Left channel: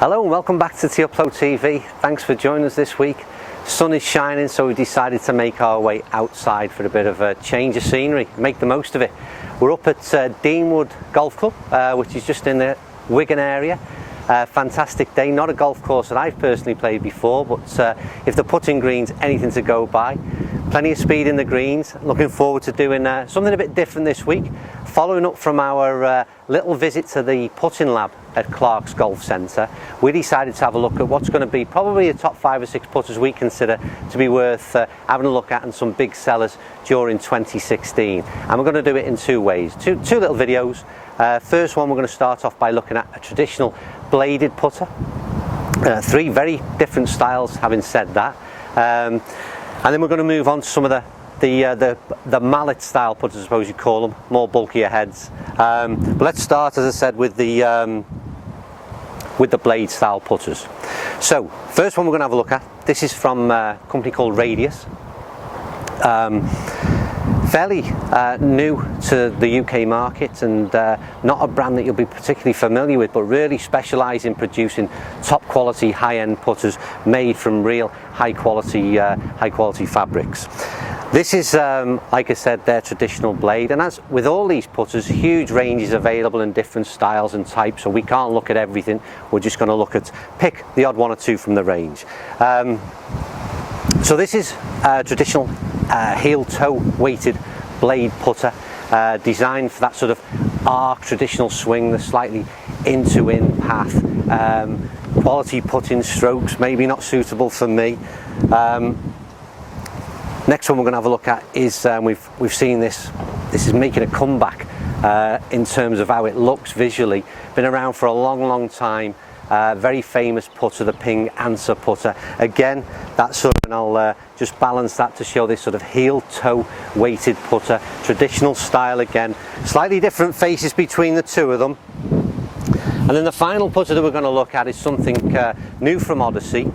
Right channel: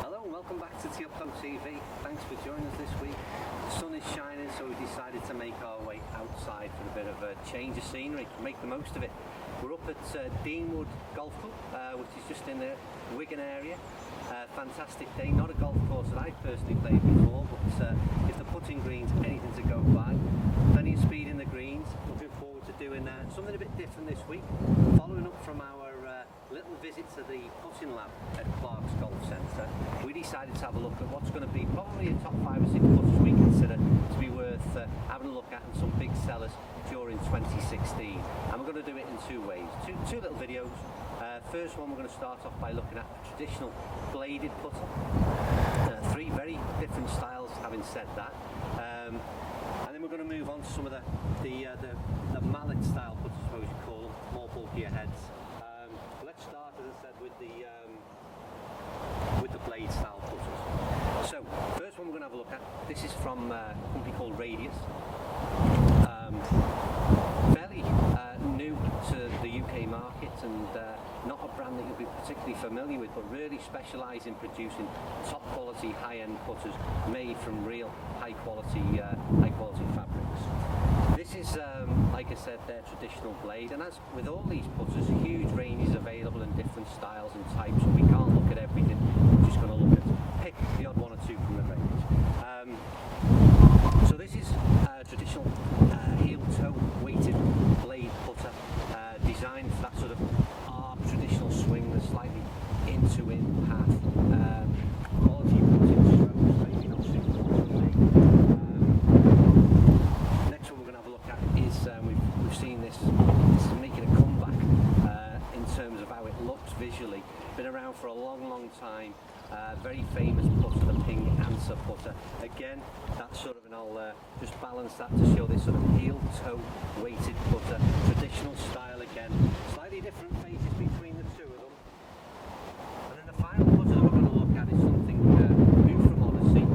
Hello and welcome back to T-Upload TV. Thanks for joining us this week. Sun is shining, so we decided to make our way outside for a bit of a change of scenery, make the most of it. We're up at Deanwood Golf Club, which is just in the Wigan area. Fantastic day, not a golf course that I've personally played before, but if the putting green's anything to go by, plenty of speed in the greens. Looking forward to doing something a bit different this week. Following up from our little visit to the putting lab at Clark's Golf Centre, we decided to have a look at what's going to be probably the top 5 or 6 putters we consider to be worth having a look at, and some big sellers during 2016. And we're going to do it in two ways, two little videos. First one, we're going to start off by looking at a traditional bladed putter. 3 very different styles, having said that. And then we're going to move on to some of the mallet style putters, I suppose you call them, more bulkier heads. But let's start, as I said, with the blade style putters. So first one we're going to have a look at, this is from a company called Radius. Fairly new to the UK market, and not a brand that you'll be particularly familiar with, but really specialise in producing top quality high-end putters made from real high quality fabrics. This is, like I said, their traditional blade, and as with all these putters, huge ranges available in different styles and types, so we can't look at everything. We're just going to look at, pick the odd one or two from the range. So this is a traditional heel-toe weighted blade putter, designed for that sort of arc traditional swing, the slightly in-to-in path. Quality putting strokes, maybe not suitable for me. Next one we're going to have a look at is, we've seen this is making a comeback in terms of how it looks visually. Been around for a long time. Very famous putter, the Ping Answer putter. Again, that sort of, and I'll just balance that to show this sort of heel-toe weighted putter, traditional style again. Slightly different faces between the two of them. And then the final putter that we're going to look at is something new from Odyssey,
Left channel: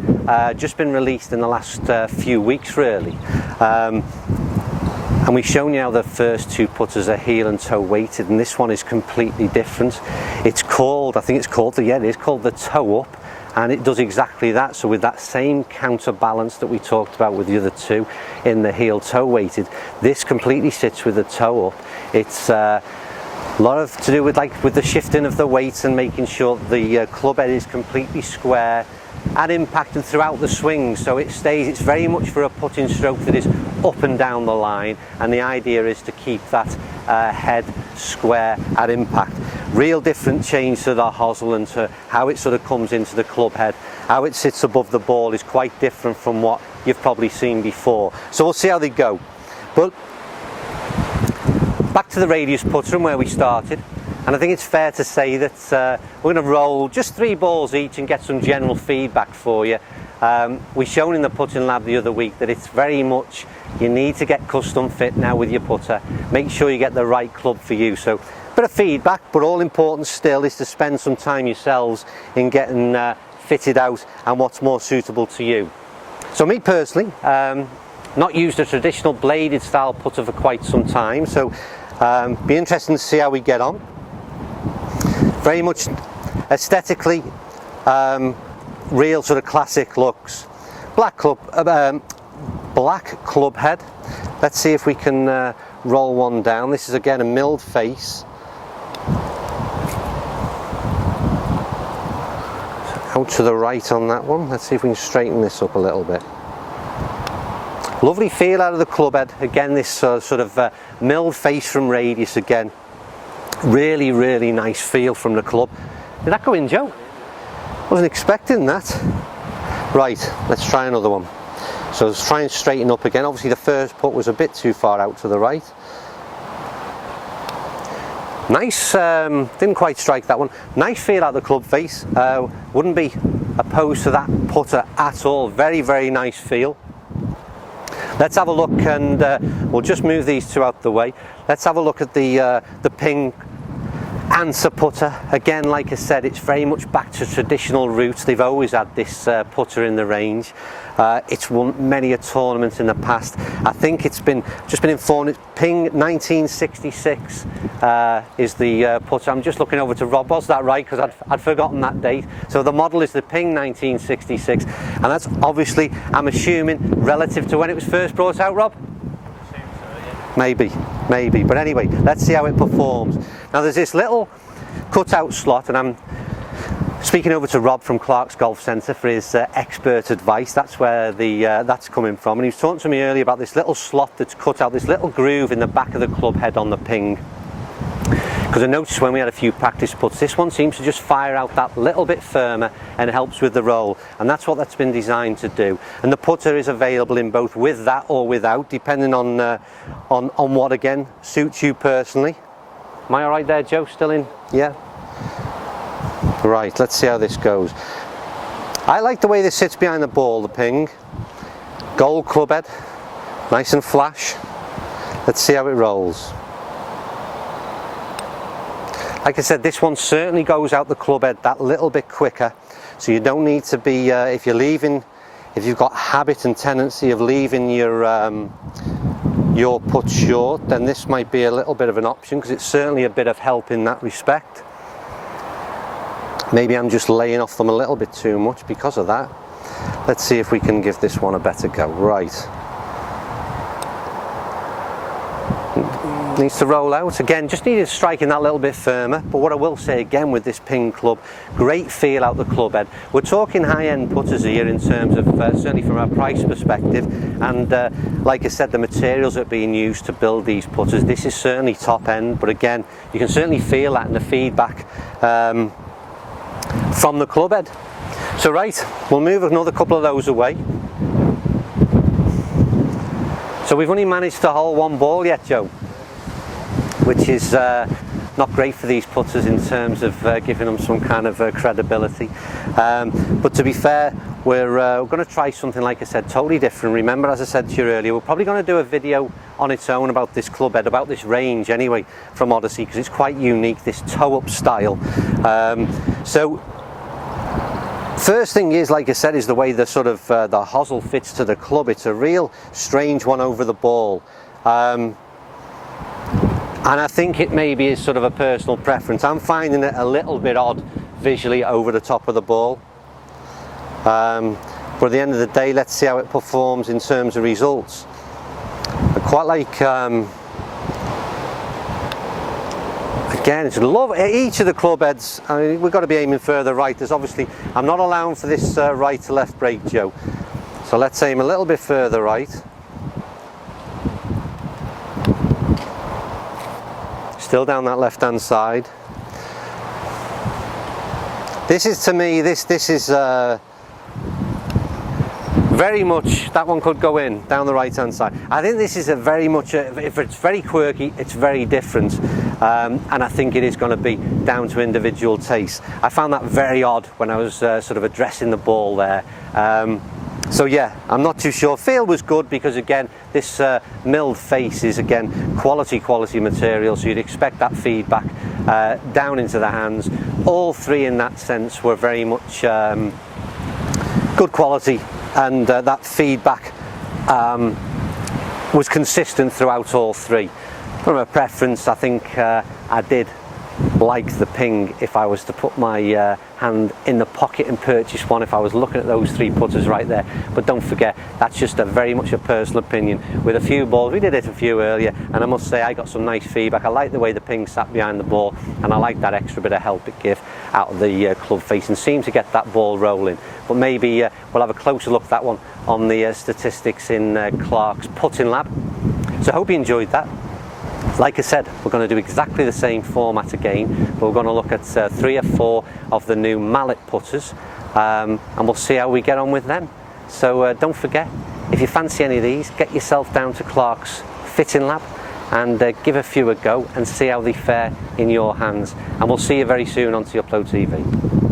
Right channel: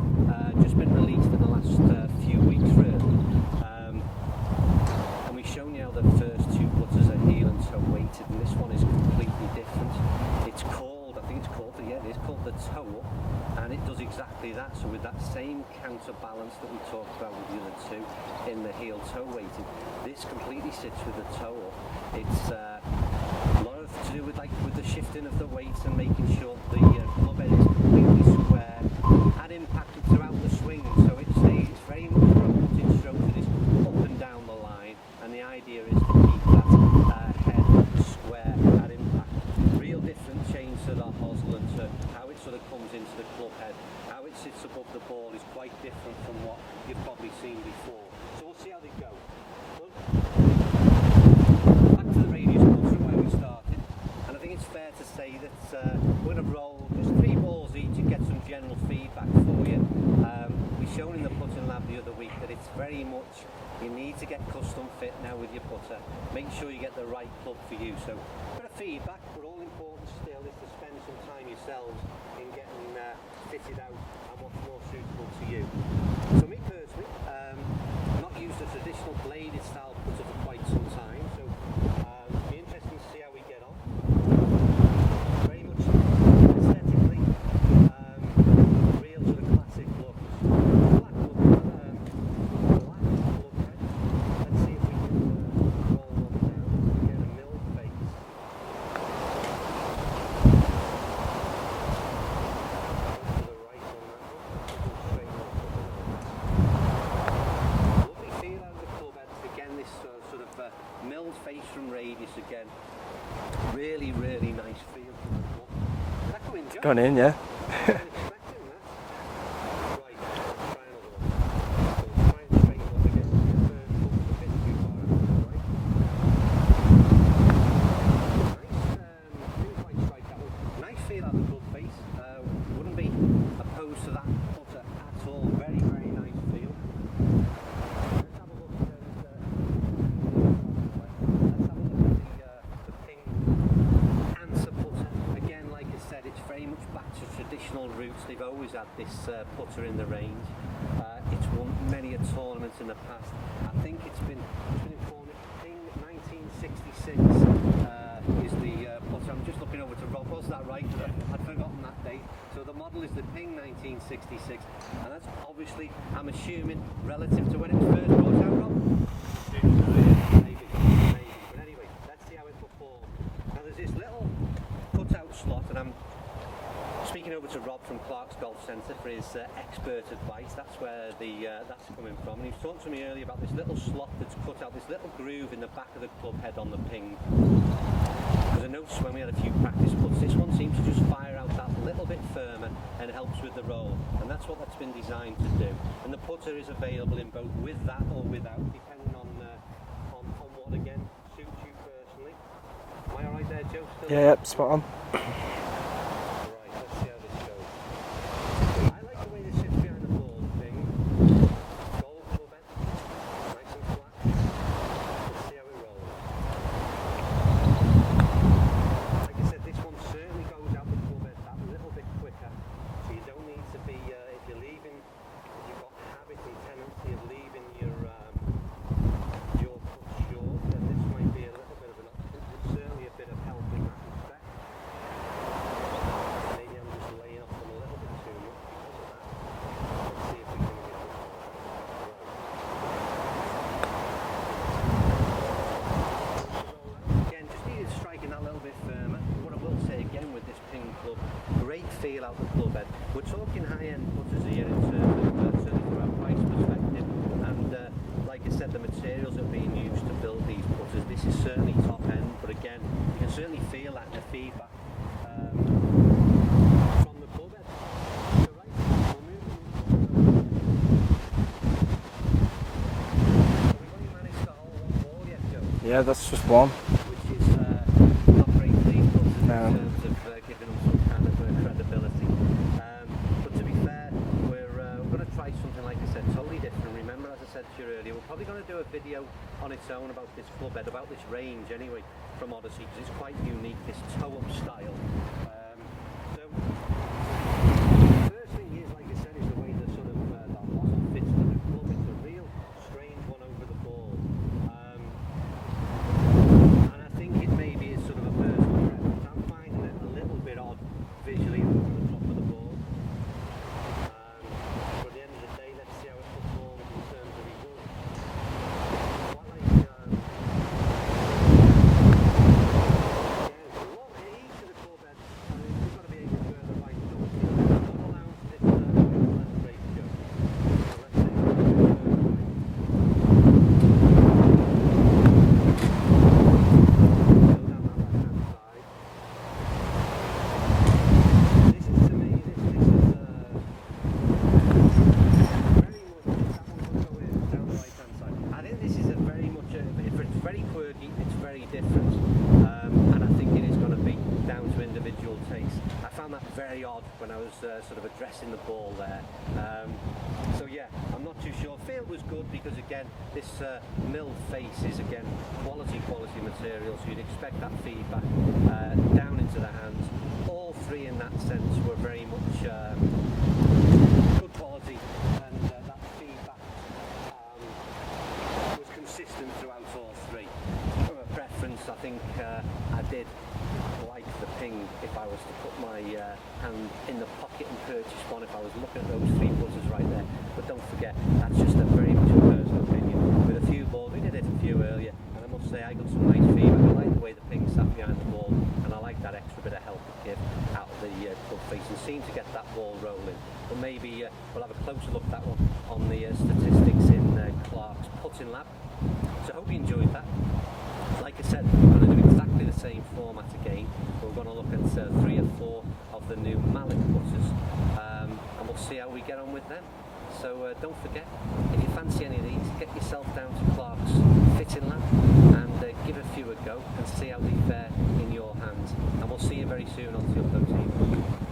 just been released in the last few weeks really. And we've shown you how the first 2 putters are heel and toe weighted, and this one is completely different. It's called, I think it's called the toe up, and it does exactly that. So with that same counterbalance that we talked about with the other 2 in the heel toe weighted, this completely sits with the toe up. It's a lot of to do with the shifting of the weight and making sure the club head is completely square and impacted throughout the swing, so it's very much for a putting stroke that is up and down the line, and the idea is to keep that head square at impact. Real different change to the hosel, and to how it sort of comes into the club head. How it sits above the ball is quite different from what you've probably seen before. So we'll see how they go. But back to the Radius putter and where we started, and I think it's fair to say that we're going to roll just 3 balls each and get some general feedback for you. We've shown in the putting lab the other week that it's very much, you need to get custom fit now with your putter. Make sure you get the right club for you. So a bit of feedback, but all important still is to spend some time yourselves in getting fitted out and what's more suitable to you. So me personally, not used a traditional bladed style putter for quite some time, so be interesting to see how we get on. Very much aesthetically real sort of classic looks. Black club head. Let's see if we can roll one down. This is again a milled face. Out to the right on that one. Let's see if we can straighten this up a little bit. Lovely feel out of the club head. Again, this sort of milled face from Radius again. Really nice feel from the club. Did that go in, Joe? Gone in, yeah. Wasn't expecting that. Right, let's try another one. So let's try and straighten up again. Obviously the first putt was a bit too far out to the right. Nice, didn't quite strike that one. Nice feel out of the club face. Wouldn't be opposed to that putter at all. Very nice feel. Let's have a look, and we'll just move these 2 out the way. Let's have a look at the Ping Answer putter. Again, like I said, it's very much back to traditional roots. They've always had this putter in the range. It's won many a tournament in the past. I think it's just been informed. Ping 1966 is the putter. I'm just looking over to Rob. Was that right? Because I'd forgotten that date. So the model is the Ping 1966, and that's obviously, I'm assuming, relative to when it was first brought out, Rob? Maybe, but anyway, let's see how it performs. Now there's this little cutout slot, and I'm speaking over to Rob from Clark's Golf Centre for his expert advice. That's where that's coming from, and he was talking to me earlier about this little slot that's cut out, this little groove in the back of the club head on the Ping. Because I noticed when we had a few practice putts, this one seems to just fire out that little bit firmer and helps with the roll, and that's what that's been designed to do. And the putter is available in both with that or without, depending on what, again, suits you personally. Am I all right there, Joe? Still in? Yep, yeah. Right, let's see how this goes. I like the way this sits behind the ball, the Ping. Gold club head, nice and flash. Let's see how it rolls. Like I said, this one certainly goes out the club head that little bit quicker, so you don't need to be, if you've got habit and tendency of leaving your putt short, then this might be a little bit of an option, because it's certainly a bit of help in that respect. Maybe I'm just laying off them a little bit too much because of that. Let's see if we can give this one a better go. Right. Needs to roll out. Again, just needed striking that little bit firmer. But what I will say again with this Ping club, great feel out the club head. We're talking high-end putters here in terms of, certainly from a price perspective, and like I said, the materials that are being used to build these putters, this is certainly top end, but again, you can certainly feel that in the feedback from the club head. So right, we'll move another couple of those away. So we've only managed to hole one ball yet, Joe. Yeah, that's just one. Which is not great for these putters in terms of giving them some kind of credibility. But to be fair, we're going to try something, like I said, totally different. Remember, as I said to you earlier, we're probably going to do a video on its own about this club head, about this range anyway, from Odyssey, because it's quite unique, this toe-up style. So first thing is, like I said, is the way the sort of the hosel fits to the club. It's a real strange one over the ball, and I think it maybe is sort of a personal preference. I'm finding it a little bit odd visually over the top of the ball, but at the end of the day, let's see how it performs in terms of results. I quite like again, it's each of the club heads. I mean, we've got to be aiming further right. There's obviously, I'm not allowing for this right to left break, Joe. So let's aim a little bit further right. Still down that left-hand side. This is, to me, this is very much, that one could go in down the right hand side. I think this is a very much if it's very quirky, it's very different, and I think it is going to be down to individual taste. I found that very odd when I was sort of addressing the ball there. So yeah, I'm not too sure. Feel was good because, again, this milled face is, again, quality material, so you'd expect that feedback down into the hands. All three in that sense were very much good quality, and that feedback was consistent throughout all three. From a preference, I think I did like the Ping if I was to put my hand in the pocket and purchase one, if I was looking at those three putters right there. But don't forget, that's just very much a personal opinion. With a few balls, we did it a few earlier, and I must say I got some nice feedback. I like the way the Ping sat behind the ball, and I like that extra bit of help it gave out of the club face and seemed to get that ball rolling. But maybe we'll have a closer look at that one on the statistics in Clark's Putting Lab. So I hope you enjoyed that. Like I said, we're going to do exactly the same format again, but we're going to look at 3 or 4 of the new mallet putters, and we'll see how we get on with them. So don't forget, if you fancy any of these, get yourself down to Clark's Fitting Lab and give a few a go and see how they fare in your hands. And we'll see you very soon on TheUpload TV.